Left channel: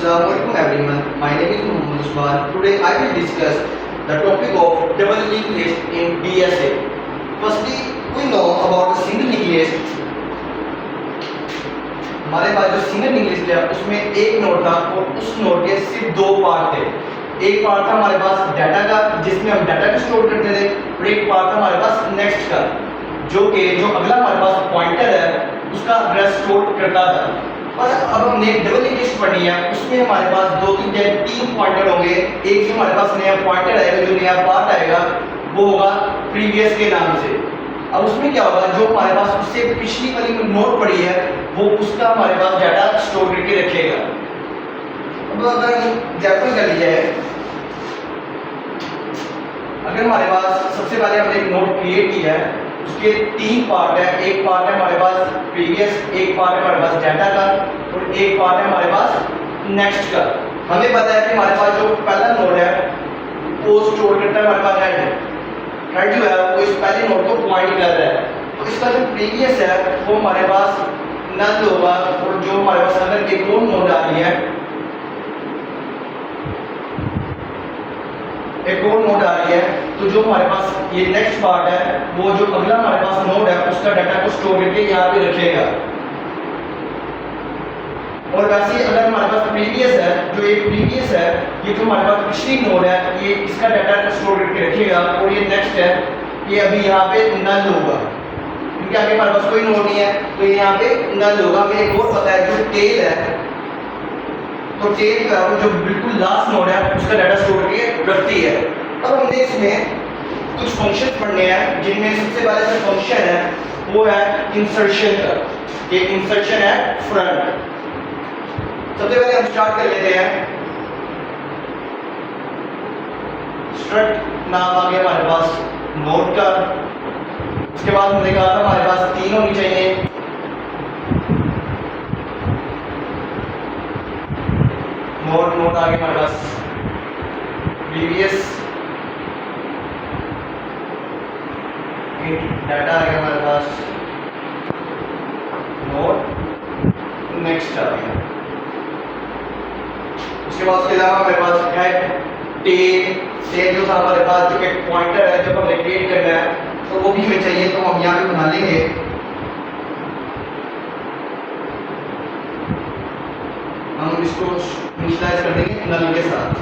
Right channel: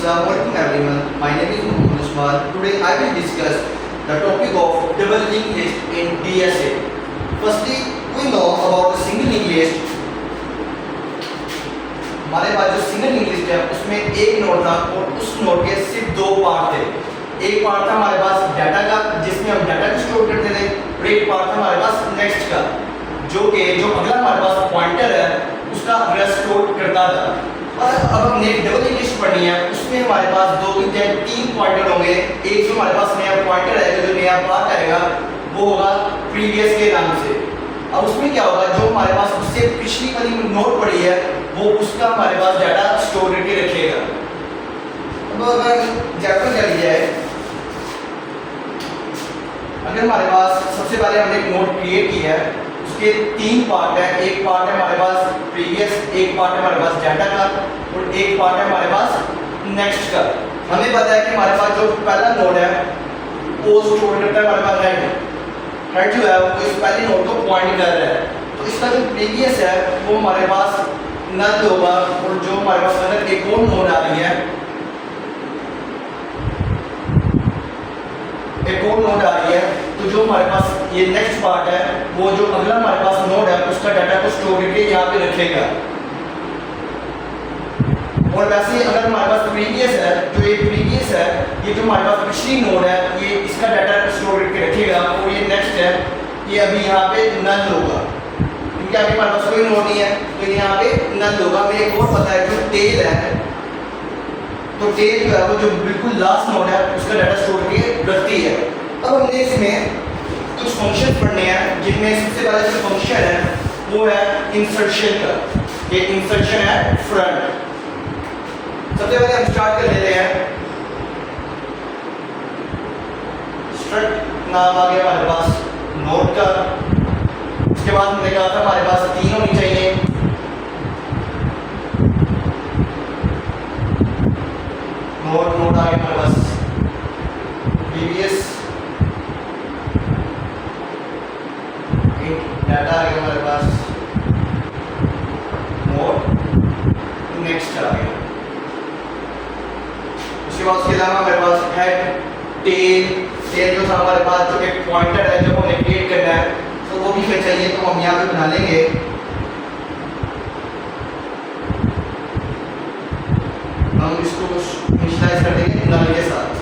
Assalamualaikum everyone. My name is Muhammad Usman. Today I will discuss the topic of double linked list in DSA. Firstly, we know about the single linked list. हमारे पास जो single link list है उसमें एक node था और उस node के सिर्फ दो पार्ट थे। एक पार्ट था हमारे पास डाटा का जिसमें हम डाटा को स्टोर करते थे और एक पार्ट था हमारे पास नेक्स्ट का जो अगला हमारे पास पॉइंटर है उसका एड्रेस स्टोर करता था। और अब हमने डबल लिंक लिस्ट पढ़नी है उसमें हमारे पास तीन पॉइंटर होंगे। एक जो हमारे पास नया पॉइंटर आएगा जो नया पार्ट आएगा वो होगा प्रीवियस के नाम से। अब उसमें क्या होगा जो हमारे पास उससे पिछली वाली नोट पड़ी है वो उसका हमारे पास डाटा स्टोर करके रखेगा। अब अगर एग्जाम्पल कर लिया है, अगर हमारे पास सबसे पहले हमने एक नोट क्रिएट किया है उसके तीन पार्ट है। एक पार्ट है हमारे पास प्रीवियस, एक पार्ट है हमारे पास डाटा का और एक पार्ट है हमारे पास नेक्स्ट का। हमें पता है कि हमारे पास जो पहला नोड है वो स्टोर करता है हमारे पास हेड जो है वो इस पहले नोड को पॉइंट कर रहा है। तो इसका जो प्रीवियस है वो हमारे पास नल होगा और जो हमारे पास अगर एक और नोड आ रही है तो जो हमारे पास ये नेक्स्ट पार्ट है वो जो अगला हमारे पास नोड है उसका डाटा को स्टोर करके यहाँ पे रखेगा। और वैसे ही अगर हमारे पास प्रीवियस है जो ये प्रीवियस है ये जो हमारे पास पिछली नोड है ये इसका डाटा स्टोर करके रखेगा और ये नेक्स्ट है ये अभी यहाँ पे नल होगा क्योंकि आगे हमारे पास कोई नोड नहीं है तो यहाँ पे नल होगा। हमें एक और पता है जो टेल है तो टेल जो है वो जो बिल्कुल लास्ट नोड है उसका डाटा स्टोर करके रखती है। अब हमने इसमें कुछ फंक्शन पढ़ने हैं जिनमें सबसे पहले जो फंक्शन है वो है इंसर्शन का। ये इंसर्शन है फ्रंट। सबसे पहले हम स्टार्ट कर लेते हैं। स्ट्रक्ट नाम आ गया हमारे पास नोड का। उसके बाद हमने कहा था हमारे पास तीन होनी चाहिए। नोड आ गया हमारे पास प्रीवियस, डाटा आ गया हमारे पास नोड, नेक्स्ट आ गया। उसके बाद उसके अलावा हमारे पास हेड, टेल जो था हमारे पास जो एक पॉइंटर है जब हमें क्रिएट करना है तो वो भी हमें चाहिए तो हम यहाँ पे बना लेंगे। हम इसको इनिशियलाइज कर देंगे नल के साथ।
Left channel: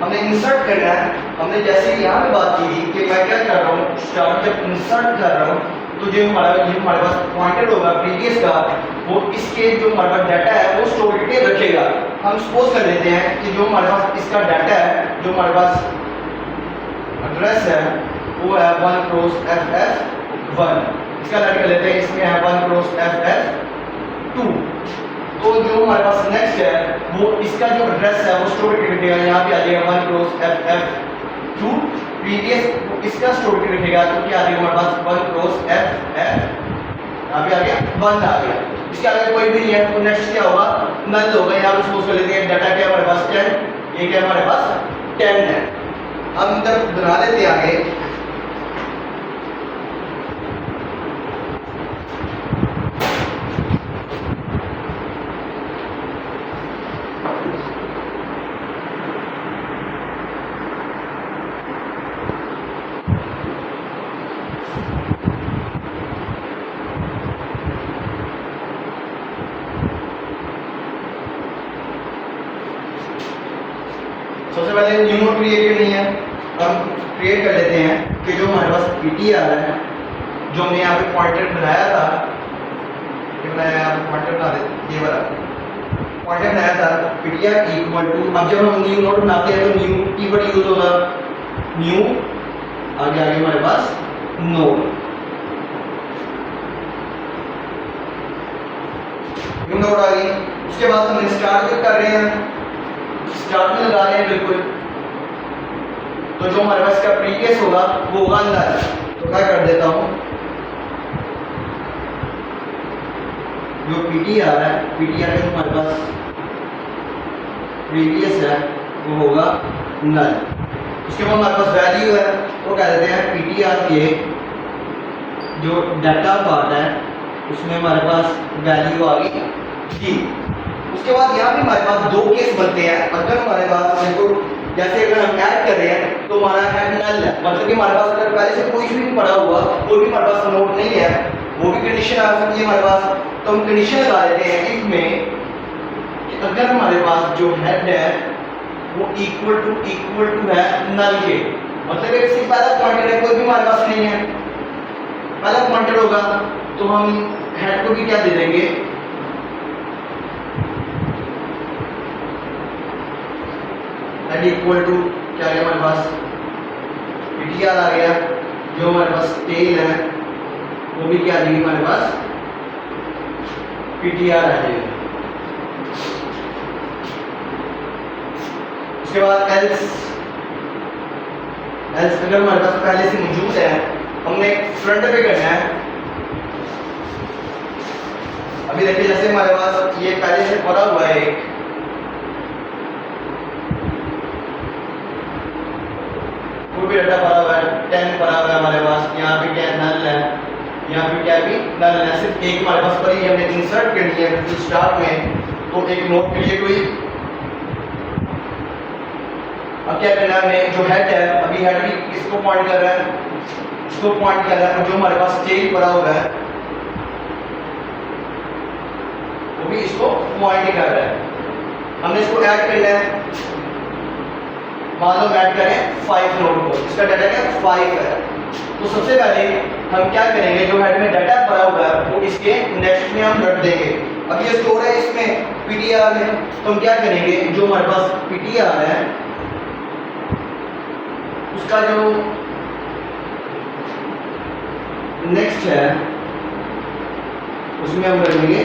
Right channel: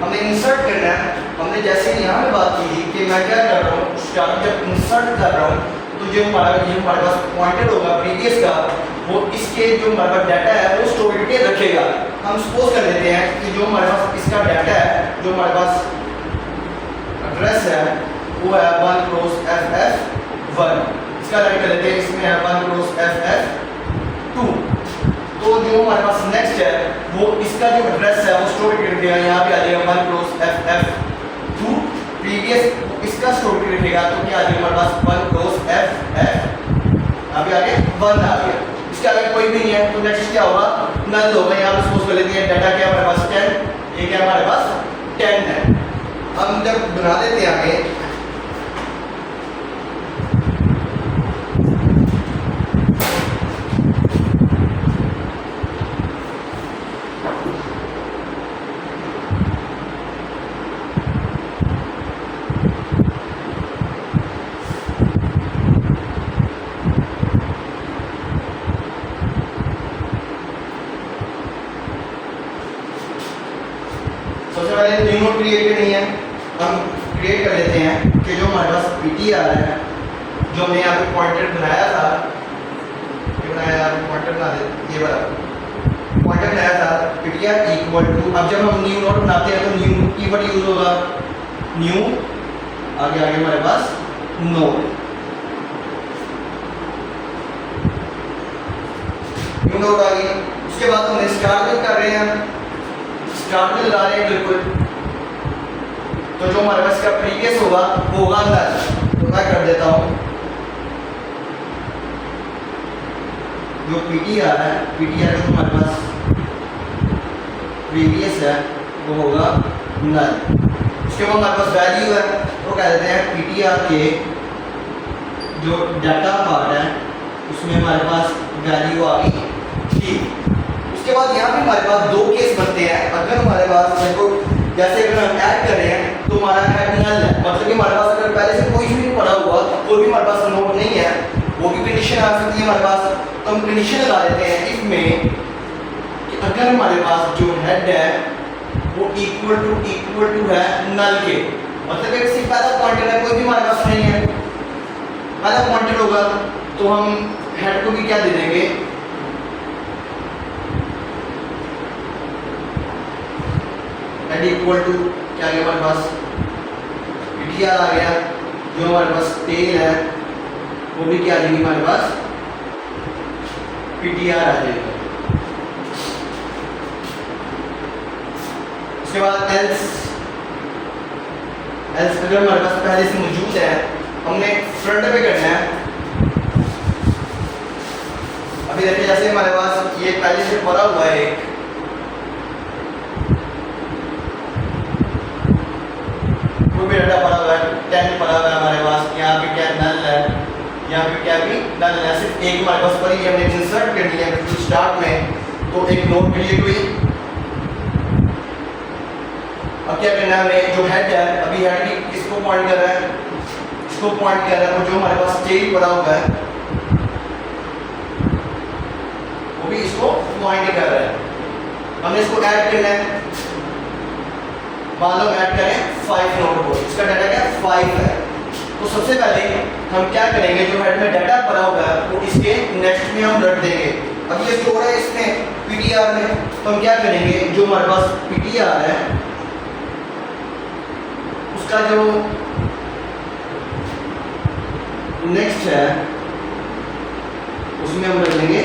हमने इंसर्ट करना है। हमने जैसे कि यहाँ पे बात की थी कि मैं क्या कर रहा हूँ जब इंसर्ट कर रहा हूँ तो जो हमारे पास पॉइंटेड होगा प्रीवियस का वो इसके जो हमारे पास डाटा है वो स्टोर करके रखेगा। हम सपोज कर लेते हैं कि जो हमारे पास इसका डाटा है जो हमारे पास एड्रेस है वो है 1 क्रॉस FF1। इसका डाटा कर लेते हैं इसमें है 1 क्रॉस FF2। तो जो हमारे पास नेक्स्ट है वो इसका जो एड्रेस है वो स्टोर करके रखेगा। यहाँ पे आ जाएगा 1 क्रॉस FF2। प्रीवियस इसका स्टोर करके रखेगा तो क्या आ जाएगा हमारे पास 1 क्रॉस FF। यहाँ पे आ गया 1 आ गया। इसके आगे कोई भी नहीं है तो नेक्स्ट क्या होगा नल होगा। यहाँ पे सपोज कर लेते हैं डाटा क्या हमारे पास 10, ये क्या हमारे पास 10 है। हम जब बना लेते हैं आगे सबसे पहले न्यू नोड क्रिएट करनी है। हम क्रिएट कर लेते हैं कि जो हमारे पास PT आ रहा है जो हमने यहाँ पे पॉइंटर बनाया था ये बनाया पॉइंटर बना देते ये वाला पॉइंटर बनाया था PTR इक्वल टू। अब जब हम न्यू नोड बनाते हैं तो न्यू कीवर्ड यूज होगा न्यू, आगे आगे हमारे पास नोड, न्यू नोड आ गई। उसके बाद हमने स्टार्ट में कर रहे हैं, स्टार्ट में लगा रहे हैं बिल्कुल। तो जो हमारे पास इसका प्रीवियस होगा वो होगा नल। तो मैं कर देता हूँ जो पीटीआर है, पीटीआर का हमारे पास प्रीवियस है वो होगा नल। उसके बाद हमारे पास वैल्यू है, वो कह देते हैं पीटीआर के जो डाटा पार्ट है उसमें हमारे पास वैल्यू आ गई थी। उसके बाद यहाँ पे हमारे पास दो केस बनते हैं। अगर हमारे पास देखो जैसे अगर हम ऐड कर रहे हैं तो हमारा हेड नल है, मतलब कि हमारे पास अगर पहले से कोई भी नहीं पड़ा हुआ, कोई भी हमारे पास नोट नहीं है, वो भी कंडीशन आ सकती है हमारे पास। तो हम कंडीशन लगा देते हैं इसमें कि अगर हमारे पास जो हेड है वो इक्वल टू है नल के, मतलब एक सिर्फ पहला पॉइंटर है, कोई भी हमारे पास नहीं है, पहला पॉइंटर होगा तो हम हेड को भी क्या दे देंगे, हेड इक्वल टू क्या आ गया हमारे पास पीटीआर आ गया। जो हमारे पास टेल है वो भी क्या आ जाएगी हमारे पास पीटीआर आ जाएगी। उसके बाद एल्स अगर हमारे पास पहले से मौजूद है, हमने फ्रंट पे करना है। अभी देखिए जैसे हमारे पास ये पहले से पड़ा हुआ है, एक कोई भी डाटा पड़ा हुआ है, 10 पड़ा हुआ है हमारे पास, यहाँ पे क्या नल है, यहाँ पे क्या भी नल है, सिर्फ एक हमारे पास पड़ी है, हमने इंसर्ट करनी है बिल्कुल स्टार्ट में, तो एक नोट क्रिएट हुई। अब क्या करना है हमें, जो हेड है, अभी हेड भी किसको पॉइंट कर रहा है, इसको पॉइंट कर रहा है, और जो हमारे पास टेल पड़ा हुआ है वो भी इसको पॉइंट कर रहा है। हमने इसको ऐड करना है, मान लो ऐड करें 5 नोट को, इसका डाटा क्या 5 है। तो सबसे पहले हम क्या करेंगे, जो हेड में डाटा पड़ा हुआ है वो इसके नेक्स्ट में हम रख देंगे। अब ये स्टोर है इसमें पीटीआर में, तो हम क्या करेंगे, जो हमारे पास पीटीआर है उसका जो नेक्स्ट है उसमें हम रख देंगे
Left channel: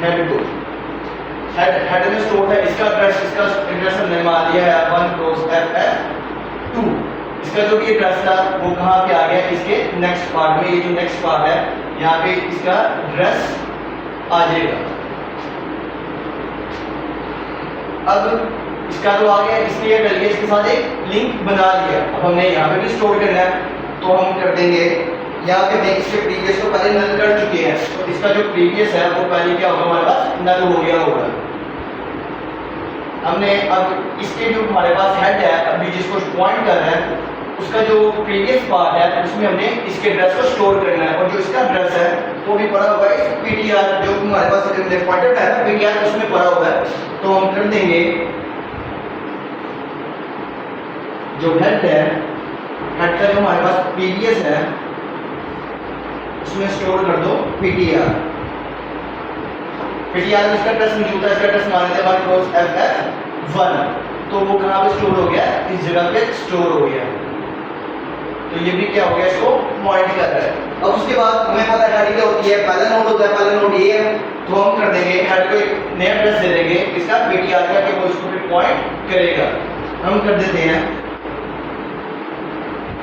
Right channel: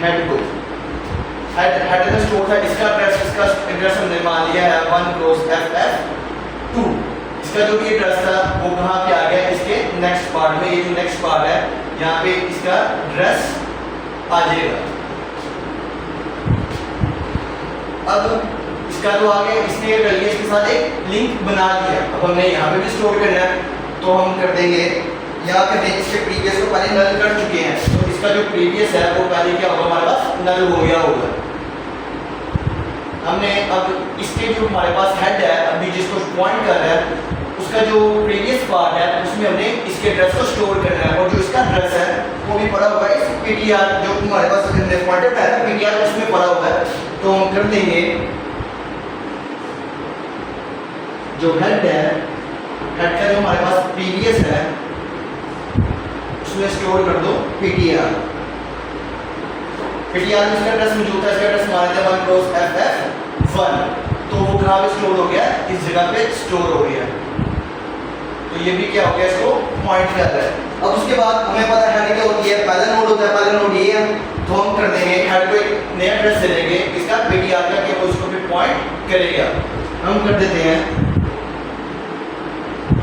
हेड को। हेड में स्टोर है इसका एड्रेस हमने मान लिया है 1 क्रॉस FF2। इसका जो भी एड्रेस था वो कहाँ पे आ गया, इसके नेक्स्ट पार्ट में। ये जो नेक्स्ट पार्ट है यहाँ पे इसका एड्रेस आ जाएगा। अब इसका जो आ गया, इसलिए कर लिया, इसके साथ एक लिंक बना लिया। अब हमने यहाँ पे भी स्टोर करना है, तो हम कर देंगे यहाँ पे इसके प्रीवियस को पहले नल कर चुके हैं, तो इसका जो प्रीवियस है वो पहले क्या होगा हमारे पास नल हो गया होगा। हमने अब इसके जो हमारे पास हेड है, अभी जिसको पॉइंट कर रहा है, उसका जो प्रीवियस पार्ट है उसमें हमने इसके एड्रेस को स्टोर करना है, और जो इसका एड्रेस है वो भी पड़ा हुआ है पीटीआर, जो हमारे पास पॉइंटर है पीटीआर उसमें पड़ा हुआ है। तो हम कर देंगे जो हेड है, हेड का जो हमारे पास प्रीवियस है उसमें स्टोर कर दो पीटीआर। पीटीआर में इसका एड्रेस मौजूद है, इसका एड्रेस मान लेते हैं 1 क्रॉस FF1, तो वो कहाँ पे स्टोर हो गया, इस जगह पे स्टोर हो गया। तो ये भी क्या हो गया, इसको पॉइंट कर रहा है। अब उसके बाद हमें पता है हेड क्या होती है, पहला नोड होता है, पहला नोड ये है, तो हम कर देंगे हेड को एक नया एड्रेस दे देंगे इसका पीटीआर का, कि वो इसको भी पॉइंट करेगा। हम कर देते हैं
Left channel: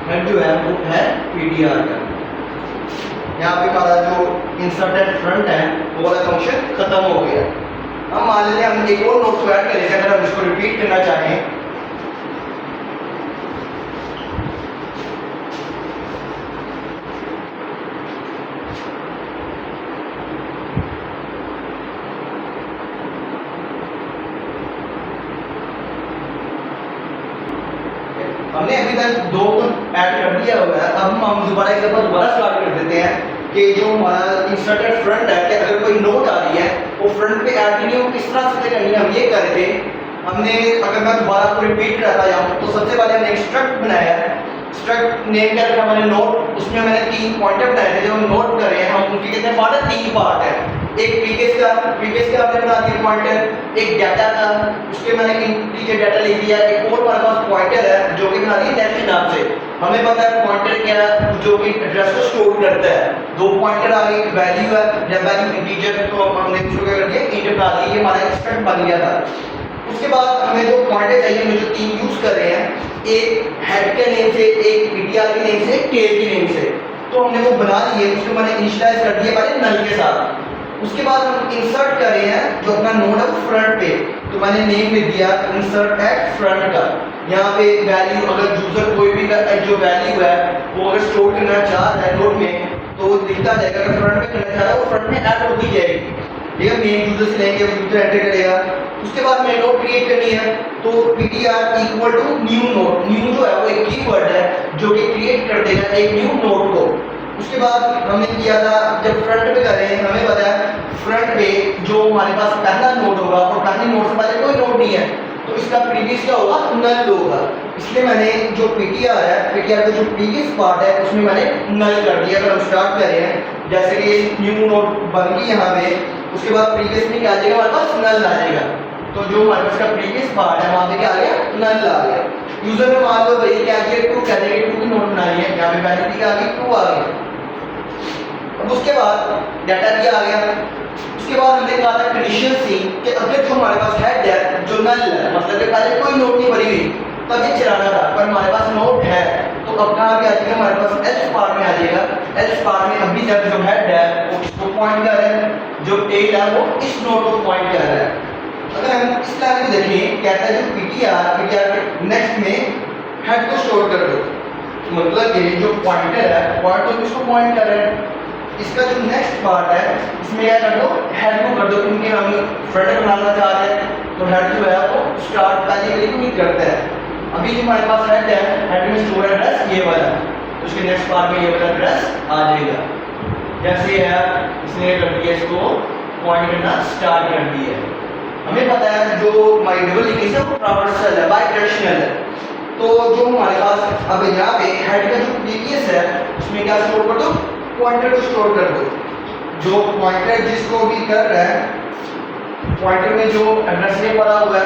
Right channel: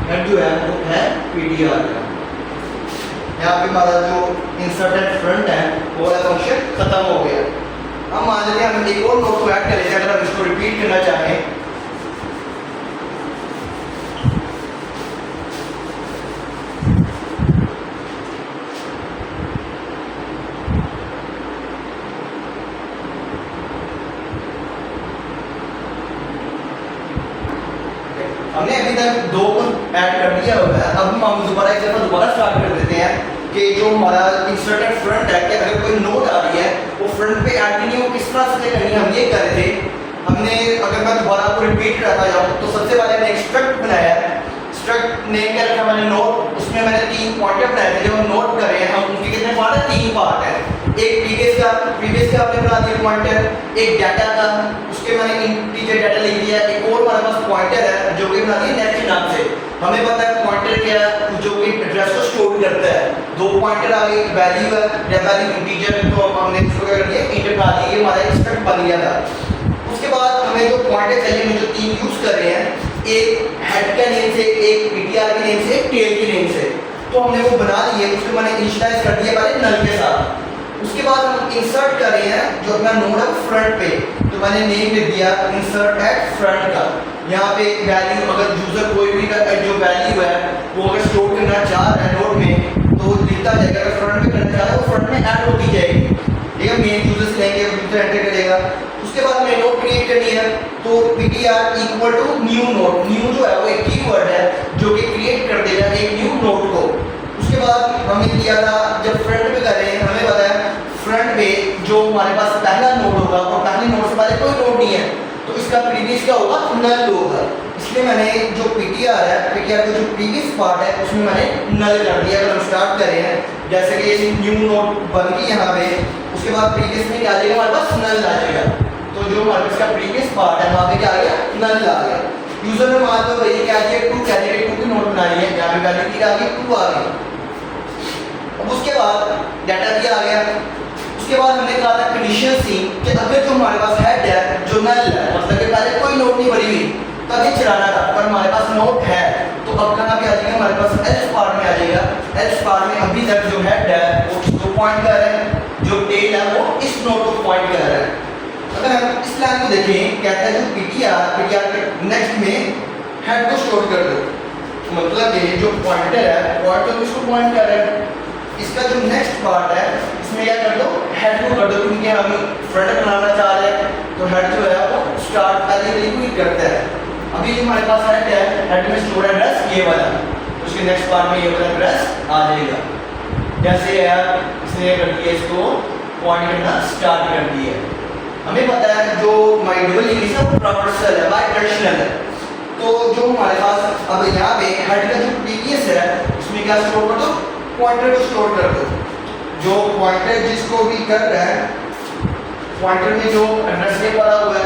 हेड जो है वो है पीटीआर का। यहाँ पे हमारा जो इंसर्टेड फ्रंट है वो वाला फंक्शन खत्म हो गया। हम मान लेते हैं हम एक और नोट को ऐड करेंगे, अगर हम इसको रिपीट करना चाहें, हमने अभी तक 2 को ऐड कर दिया हुआ है। अब हम दोबारा एक दफा दोबारा स्टार्ट कर देते हैं कि जो हमारा इंसर्टेड फ्रंट है, कि अगर कोई नोट आ रही है वो फ्रंट पे ऐड करनी है, वो किस तरह से करनी है, हम ये कर रहे थे। हमने अगर मैं दोबारा आपको रिपीट करता जाऊँ तो सबसे पहले हमने एक स्ट्रक्ट बनाया है, स्ट्रक्ट नेम क्या रखा मैंने नोट, उसमें मैंने 3 पॉइंटर बनाए थे। जब हम नोट कर रहे हैं हम उनके कितने पार्ट है, 3 पार्ट है। एक प्रीवियस का आपने बना दिया पॉइंटर, एक डाटा का उसके मैंने इंटीजर डाटा लिख दिया, एक और हमारे पास पॉइंटर है जो कि बना दिया नेट के नाम से। हमें पता है पॉइंटर क्या है, जो कि एड्रेस को स्टोर करता है। 2 पॉइंटर आ गए, वैल्यू है, जब वैल्यू इंटीजर तो हमने इसको क्या कर दिया इंटर बना दिया, ये हमारा स्ट्रक्ट बन गया था। उसके बाद हमें 2 पॉइंटर चाहिए, हम जो 3 यूज कर रहे हैं, एक हेड के नेम से, एक पीटीआर के नेम से, एक टेल के नेम से। तो हमने वो बना लिए, उसको मैंने इनिशियलाइज कर दिया पहले नल के साथ। उसके बाद हम इंसर्ट कर रहे हैं जो अपना नोड है फ्रंट पे, तो मैंने नेम लिख दिया इंसर्ट एट फ्रंट का। यहाँ पे वैल्यू अगर यूजर कोई भी जो वैल्यू है वो अगर स्टोर करना चाह रहा है नोड में तो वो दिखता जाएगा, अगर फ्रंट में करना चाह रहा है वो फ्रंट में ऐड होती जाएगी, ठीक है। मेन यूजर से लेंगे यूजर एंटर करेगा। उसके बाद हमें नोड क्रिएट करनी है, तो ptr equal to new node, new जो है वो एक कीवर्ड है जो कि क्रिएट कर देगा एक न्यू नोड को। उसके बाद हमने किया था जब फ्रंट पे कर रहे हैं हमें पता है फ्रंट पे जो हमारे पास पहला नोड होगा और पहले नोड से पहले कोई नोड नहीं है तो इसका प्रीवियस क्या होगा, नल होगा। इसलिए मैंने जो ptr है, ptr का जो प्रीवियस पार्ट है उसमें मैंने नल कर दिया। अगर हम स्टार्ट कर रहे हैं जैसे कि ये न्यू नोड बन गई यहाँ पे, उसके बाद प्रीवियस में क्या आ जाएगा हमारे पास, नल आ जाएगा। तो जो हमारे पास का प्रीवियस पार्ट है वहाँ पे क्या आ गया, नल आ गया। यूजर ने मान लो वही क्या किया, 2 कैटेगरी 2 की नोड बनाई है, यहाँ पे वैल्यू क्या आ गई, 2 आ गई। अब उसके बाद डाटा दिया आ गया। उसके बाद हमने कहा था कंडीशन सी कि अगर जो हमारे पास हेड है जो नल है, मतलब कि पहले कोई नोड नहीं भरी हुई तब ये चलाना था, पर हमारे पास नोड है तो अब कहाँ पे आ जाएगा, हमारे पास एल्स पार्ट में आ जाएगा। एल्स पार्ट में अभी तक जो हेड है वो किसको पॉइंट कर रहा है, जो टेल है वो इस नोड को पॉइंट कर रहा है। अगर हम इस लाइन को देखें, कहता है जो ptr के नेक्स्ट में हेड को स्टोर कर दो, मतलब कि जो पॉइंटर है पॉइंट तो किसको पॉइंट कर रहा है, इसका जो नेक्स्ट पार्ट है इसमें क्या कर दो, हेड को कर दो, क्योंकि हम फ्रंट बनाना चाह रहे हैं तो हेड जो है वो स्टार्ट पहले के लिए क्लिक करता है। अभी जो हमारे पास हेड है, हेड में स्टोर एड्रेस ये वाला है, तो उसके नेक्स्ट पार्ट में ये वाला एड्रेस आ जाएगा। जैसे है इसने कर दिया, इसको पॉइंट करना स्टार्ट कर दिया। हमें पता है जो हमारी डबल लिंक है वो ट्रावर्सल है, बाई डायरेक्शनल है, तो जो हमारे पास अब यहाँ पे हेड का जो प्रीवियस है उसमें क्या स्टोर कर दो, पॉइंटर को स्टोर कर दो। जो पॉइंटर जिसको भी कर रहा है, पॉइंटर में जो एड्रेस में पड़ा हुआ है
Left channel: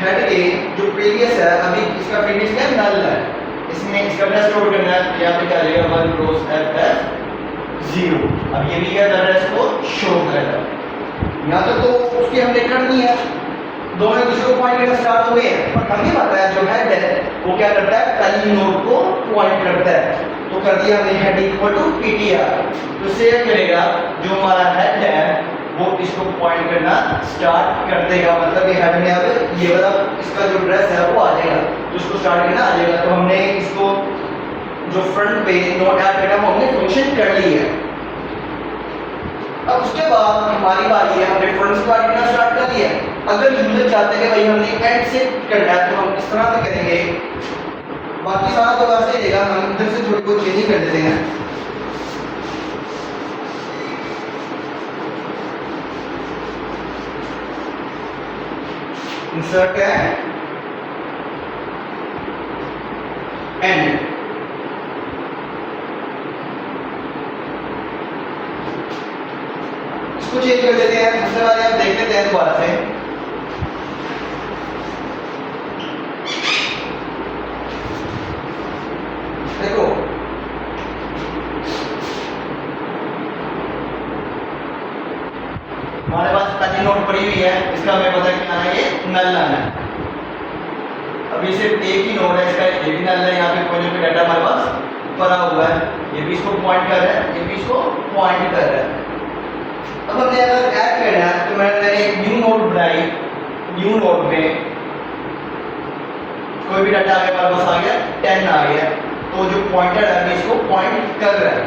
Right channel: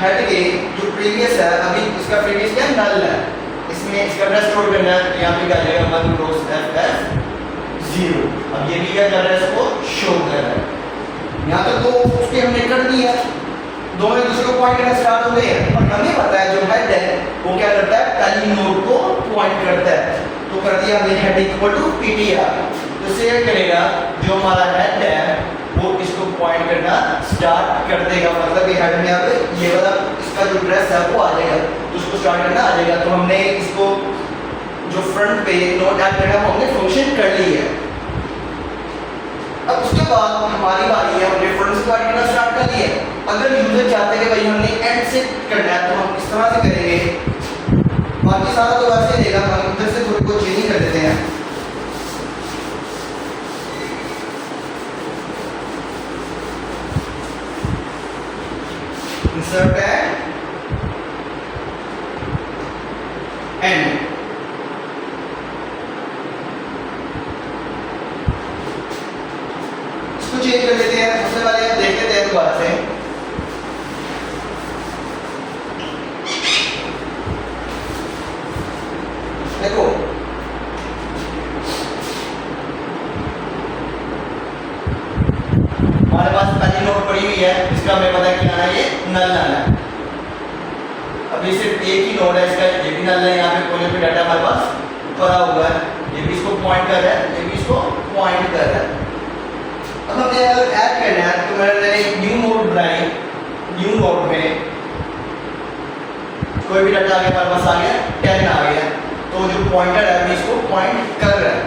हेड के जो प्रीवियस है, अभी इसका प्रीवियस क्या नल है, इसमें इसका एड्रेस स्टोर करना है। यहाँ पे क्या लेगा 1 क्रॉस ff0। अब ये भी क्या कर रहा है, इसको शो कर रहा है। यहाँ तक तो उसके हमने कर दी है, दोनों एक दूसरे को पॉइंट करना स्टार्ट हो गए हैं। और हमें पता है जो हेड है वो क्या करता है, पहली नोड को पॉइंट करता है, तो कर दिया हमने हेड इक्वल टू ptr। तो सेव करेगा जो हमारा हेड है वो इसको पॉइंट करना स्टार्ट कर देगा, मतलब ये हेड में अब ये वाला इसका जो एड्रेस है वो आ जाएगा, तो उसको स्टार्ट करना आ जाएगा। तो हमने इसको जो फ्रंट पे नोड ऐड करना वो हमने फंक्शन कर ली है। अब उसके बाद हमारी बारी है, हमने फ्रंट से स्टार्ट करना स्टार्ट कर लिया। अगर यूजर चाहते हैं कि भाई हमने एंड से करना है तो हम इस तरह से करेंगे, बाकी सारा तो वैसे ही देगा, हम इधर से थोड़ी बहुत चेंजिंग कर देते हैं। इंसर्ट है एंड, इसको चेंज कर लेते हैं। सबसे पहले हम देख लेते हैं दोबारा से, देखो हमारे पास पहली नोट पड़ी हुई है, इसका हमें पता है क्या आना है, ये नल आना है। अभी सिर्फ एक ही नोड है, इसका ये भी नल है, यहाँ पे कोने पे डाटा हमारे पास पड़ा हुआ है, ये भी इसको पॉइंट कर रहा है, ये भी इसको पॉइंट कर रहा है। अब हमने अगर ऐड करना है तो मैंने एक न्यू नोड बनाई, न्यू नोड में कोई भी डाटा आगे हमारे पास आ गया 10 आ गया, तो जो पॉइंटर है अभी इसको पॉइंट कर रहा है।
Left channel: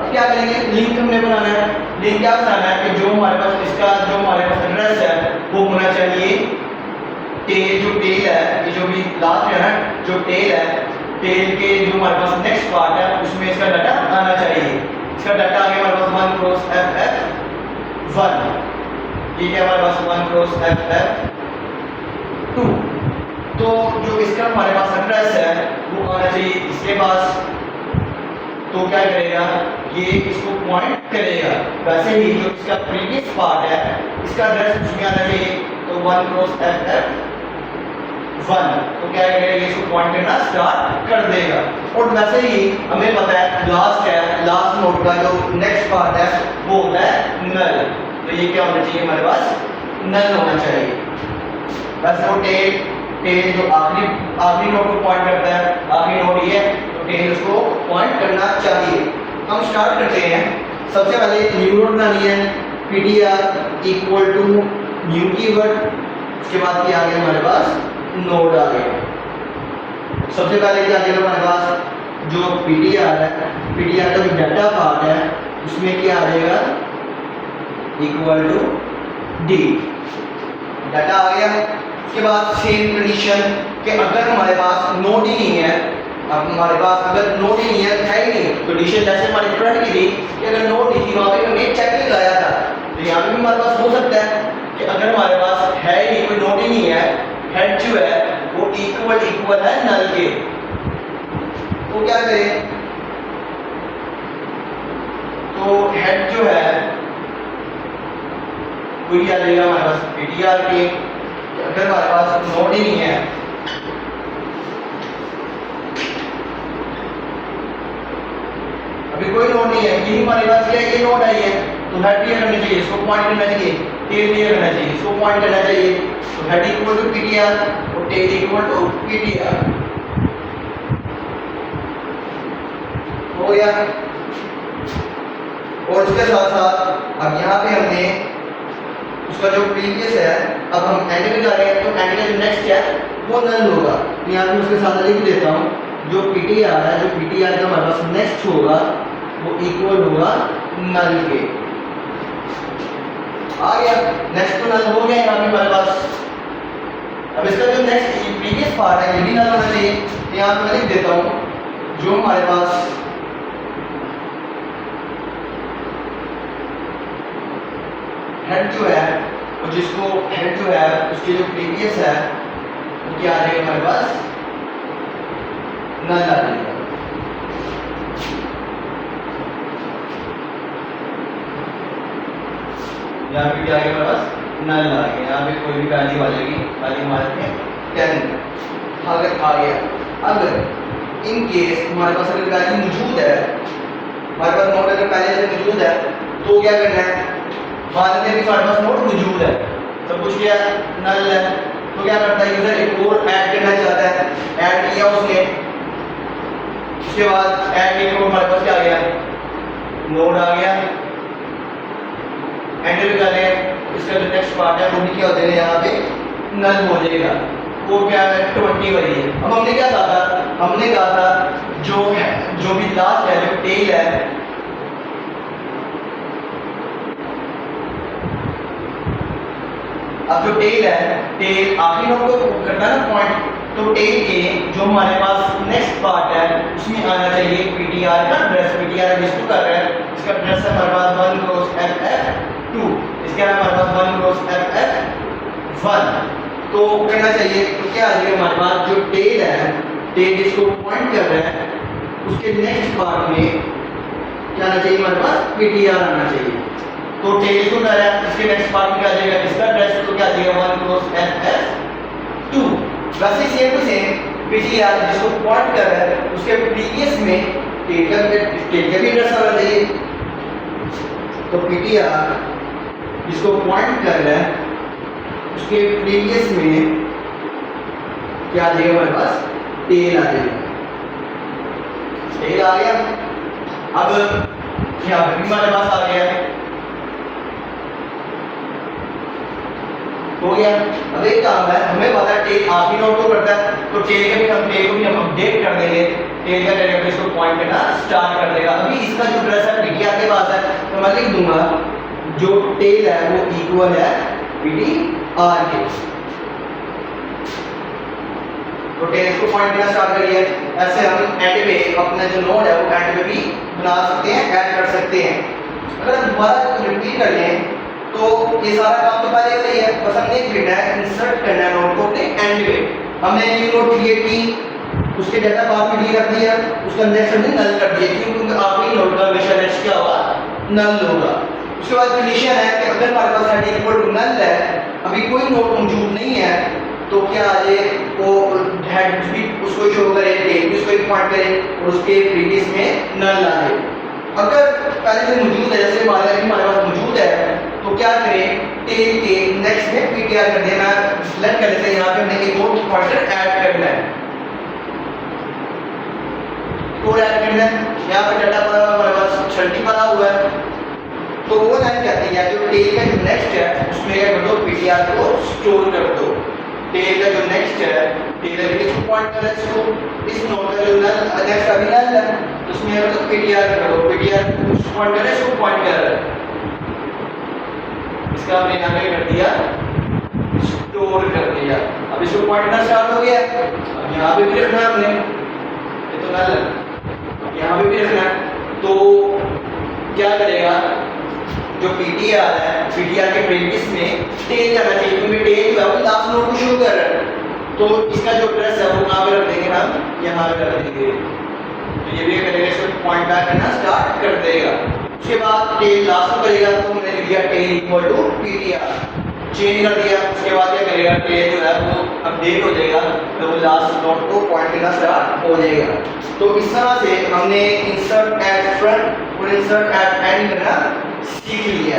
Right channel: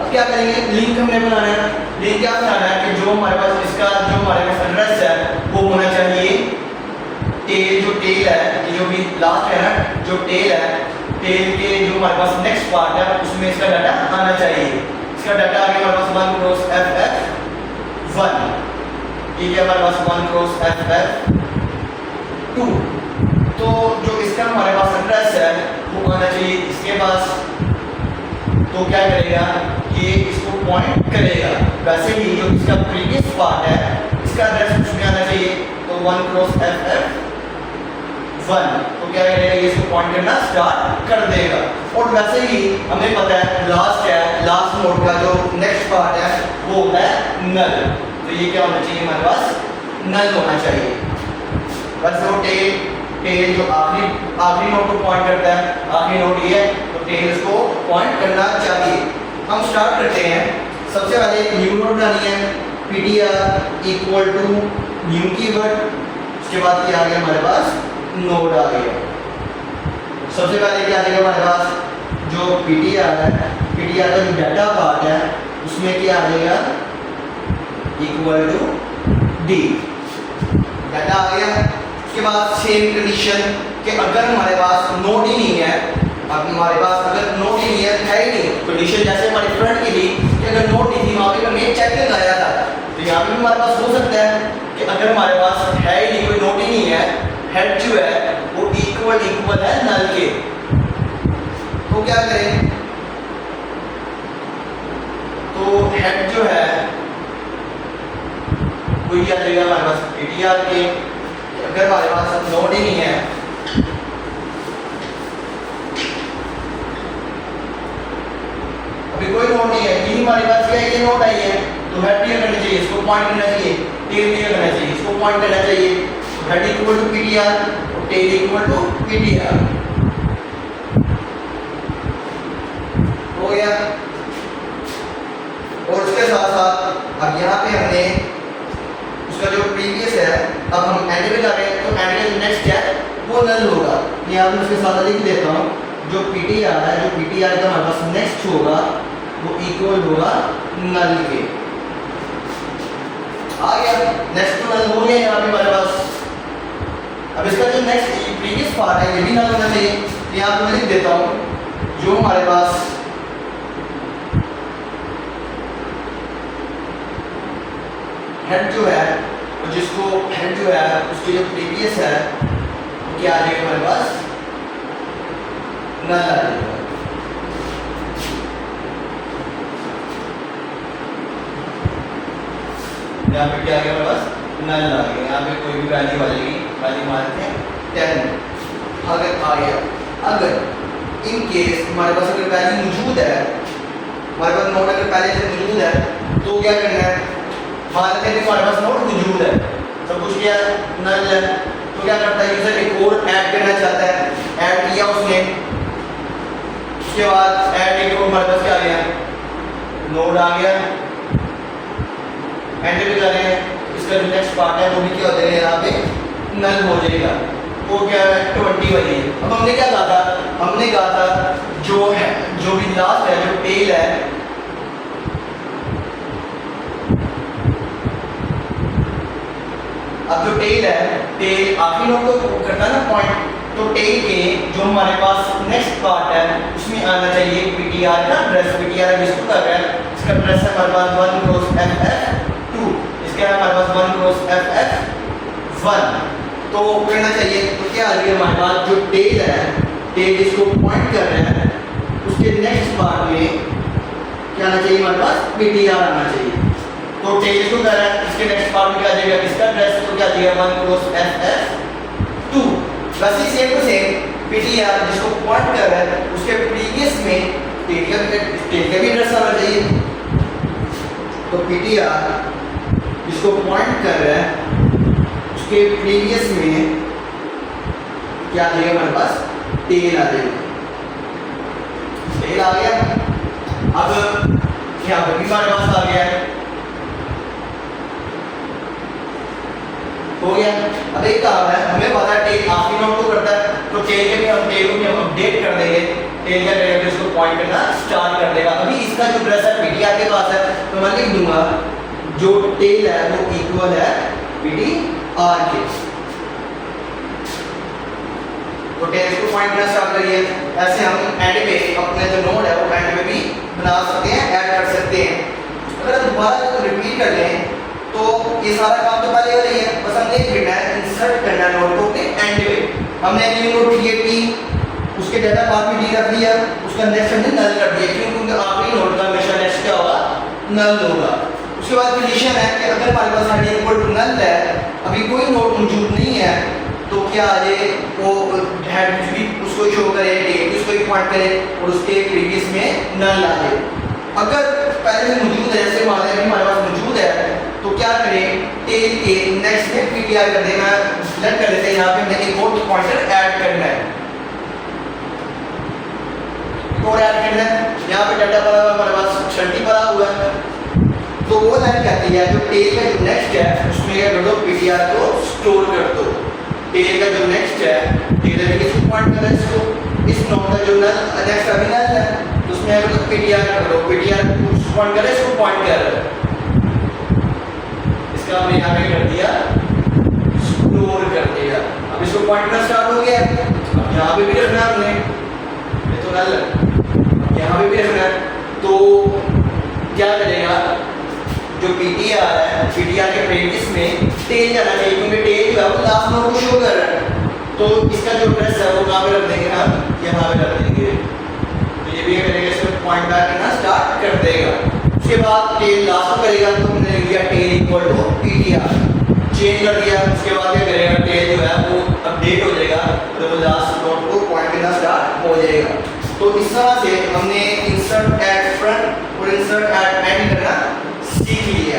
अब क्या करेंगे, लिंक हमने बनाना है। लिंक क्या बनाना है कि जो हमारे पास इसका जो हमारे पास एड्रेस है वो होना चाहिए टेल, जो टेल है जो भी लास्ट है ना, जो टेल है, टेल के जो हमारे पास नेक्स्ट पार्ट है उसमें इसका डाटा आना चाहिए। इसका डाटा आगे हमारे पास 1 क्रॉस ff1, ये क्या हमारे पास 1 क्रॉस ff2। तो जो इसका हमारे पास एड्रेस है वो आना चाहिए इसके पास, तो क्या करेगा, ये इसको पॉइंट करेगा। वैसे ही जो इसका प्रीवियस पार्ट है इसका एड्रेस उसमें आना चाहिए, तो 1 क्रॉस ff1, तो क्या करेगा, ये इसको पॉइंट करना स्टार्ट कर देगा। और वैसे ही हमें पता है लास्ट है, लास्ट नोड का जो नेक्स्ट पार्ट है वो होता है नल, तो ये क्या होना चाहिए, हमारे पास नल होना चाहिए। बस वो टेल जो आखिरी नोड को पॉइंट करता है, आखिरी नोड ये है तो टेल इसको पॉइंट करना चाहिए। हम स्टार्ट करते हैं। सबसे पहले न्यू नोड बनानी है, PTR equal to new keyword, उसके बाद क्या आ गया हमारे पास नोड आ गया। सबसे पहले क्या आ जाएगा हमारे पास जो PTR है, PTR का जो डाटा पार्ट है उसमें क्या आ जाएगा इक्वल टू D, डाटा आ गया। उसके बाद सेम कंडीशन कि अगर हमारे पास नोड ही नहीं है, अब हमारे पास अगर नोड ही नहीं है ही नहीं, कंडीशन जैसे हमारी फ्रंट की थी कि अगर नोड नहीं थी वहाँ पे हमने चेकिंग लाया था, तो यहाँ पे भी हमारे पास हो सकता है कि अगर हमारे पास है ही नहीं, कोई नोड ही नहीं है, हेड जो है वो इक्वल है नल के, तो क्या करें, तो हेड जो है वही आ जाएगा हमारे पास PTR के। अगर हमारे पास नोड ही नहीं है, अभी कोई नोड नहीं है, यही हमारे पास क्या है, ये नोड आई है, तो हेड क्लियर करना चाहिए, इसको पॉइंट करना चाहिए, टेल क्लियर करना चाहिए, इसको पॉइंट करना चाहिए, तो हेड इक्वल टू PTR और टेल इक्वल टू PTR हो गया। और उसके साथ साथ अब यहाँ पे हमने उसका जो प्रीवियस है, अब हम एंड में जा रहे हैं, तो एंड का जो नेक्स्ट है वो नल होगा। यहाँ पे उसके साथ लिख देता हूँ, जो PTR है, जो PTR का हमारे पास नेक्स्ट होगा वो इक्वल होगा नल के। आ गया, नेक्स्ट तो नल हो गया यहाँ पे हमारे पास। अब इसका जो नेक्स्ट प्रीवियस पार्ट है ये भी नल होना चाहिए, तो यहाँ पे मैं लिख देता हूँ जो हमारे पास हेड जो है, और जिसको हेड जो है उसके जो प्रीवियस है वो क्या आ जाएगा हमारे पास नल आ जाएगा। यहाँ पे क्या आ गया हमारे पास नल आ गया, यहाँ पे कोई भी वैल्यू आ जाएगी, वैल्यू मारते हैं 10। अगर आ गया, अगर इन केस हमारे पास अगर वैल्यू मौजूद है, हमारे पास नोट अगर पहले से मौजूद है, तो क्या करना है, मान लेते हैं हमारे पास नोट मौजूद है, सब कुछ क्या है नल है, तो क्या करता है यूजर एक और ऐड करना चाहता है, ऐड किया उसने, उसके बाद ऐड एक हमारे पास क्या आ गया नोड आ गया, एंड पे जा रहे हैं, इसका जो नेक्स्ट पार्ट है वो भी क्या हो जाएगा यहाँ पे नल हो जाएगा, वो क्या है 20 वाली है। अब हमने क्या कहा था, हमने कहा था जो है जो भी लास्ट है, जो टेल है, अब जो टेल है, टेल आखिरी नोड को करता है ना पॉइंट, तो टेल के जो हमारे पास नेक्स्ट पार्ट है उसमें आना चाहिए PTR का एड्रेस, PTR जिसको कर रहा है इसका एड्रेस है हमारे पास 1 क्रॉस FF2, इसका हमारे पास 1 क्रॉस FF1, तो कहना चाहिए, तो क्या आ जाएगा हमारे पास जो टेल है, टेल जिसको पॉइंट कर रहे हैं उसके नेक्स्ट पार्ट में क्या आना चाहिए हमारे पास PTR आना चाहिए, तो टेल इसको कर रहा है, इसके नेक्स्ट पार्ट में क्या आ जाएगा इसका एड्रेस, तो क्या आ जाएगा 1 क्रॉस FF2। वैसे सेम टू सेम PTR जिसको पॉइंट कर रहा है उसके प्रीवियस में टेल का भी एड्रेस आना चाहिए, तो PTR जिसको पॉइंट कर रहा है उसके प्रीवियस में क्या आ जाएगा हमारे पास टेल आ जाएगा, टेल आ गया। अब यहाँ पे भी हमारे पास आ गया, हो गया। अब एक काम है, हमें पता है टेल आखिरी नोड को करता है, तो टेल के भी हम टेल को भी हम अपडेट कर देंगे, टेल का डेटा इसको पॉइंट करना स्टार्ट कर देगा। अभी इसका जो एड्रेस है PTR के पास है, तो मैं लिख दूंगा जो टेल है वो इक्वल है PTR के, तो टेल इसको पॉइंट करना स्टार्ट करिए। ऐसे हम एंड पे अपने जो नोड है वो एंड पे भी बना सकते हैं, ऐड कर सकते हैं। अगर हम दोबारा रिपीट कर लें तो ये सारा काम तो पहले हो रही है, बस हमने करना है इंसर्ट करना है नोड को अपने एंड पे। हमने न्यू नोड क्रिएट की, उसके डाटा पार्ट में डी रख दिया, उसका नेक्स्ट हमने नल कर दिया, क्योंकि आखिरी नोड का हमेशा नेक्स्ट क्या होगा नल होगा। उसके बाद कंडीशन है कि अगर हमारे पास हेड इक्वल टू नल है, अभी कोई नोड मौजूद नहीं है, तो क्या आ जाए वो हेड भी उसको शो करे, टेल उसको एक पॉइंट करे और उसके प्रीवियस में नल आ जाए। अगर पहले से मौजूद है, जैसे मान लें हमारे पास मौजूद है, तो क्या करें टेल के नेक्स्ट में PTR कर देना, सेलेक्ट कर लेते हैं, यहाँ पे हमने एक और पॉइंटर ऐड करना है, और ऐड करना है। यहाँ पे डाटा पड़ा हुआ हमारे पास 30 पड़ा हुआ है, तो वो लाइन कहती है जो टेल का जो नेक्स्ट है उसमें क्या कर दो पीटीआर को स्टोर कर दो। टेल का जो नेक्स्ट है टेल के किस पॉइंट कर इसको इस नोड का जो नेक्स्ट अभी नल है उसमें अगर तो पीटीआर कर दो पीटीआर उस पॉइंट कर इसको पॉइंट कर इसका हमने यहां पे कर दिया स्टोर कर दिया। अब इसको पॉइंट करना स्टार्ट हो गया। अब यहां पे भी रखना हमने ये तो नल यहां पे भी रखना तो क्या करेगा जो पीटीआर है पीटीआर के प्रीवियस में टेल जाना चाहिए क्योंकि टेल जो है वो लास्ट नोड को शो कर रहा है तो इसका जो एड्रेस है वो कहां पे रख देंगे हम यहां पे रख देंगे। तो ये भी करेगा इसको पॉइंट बैक करना स्टार्ट कर देगा। उसके बाद टेल लास्ट में करेगा तो हमने लिख दिया tail equal to PTR change कर दिया। उसके बाद क्या करेगा टेल जो है वो अपडेट हो जाएगा तो वो लास्ट नोड को पॉइंट करना स्टार्ट हो जाएगा। तो इस तरह से हमने इंसर्ट एट फ्रंट और इंसर्ट एट एंड करना सीख लिया।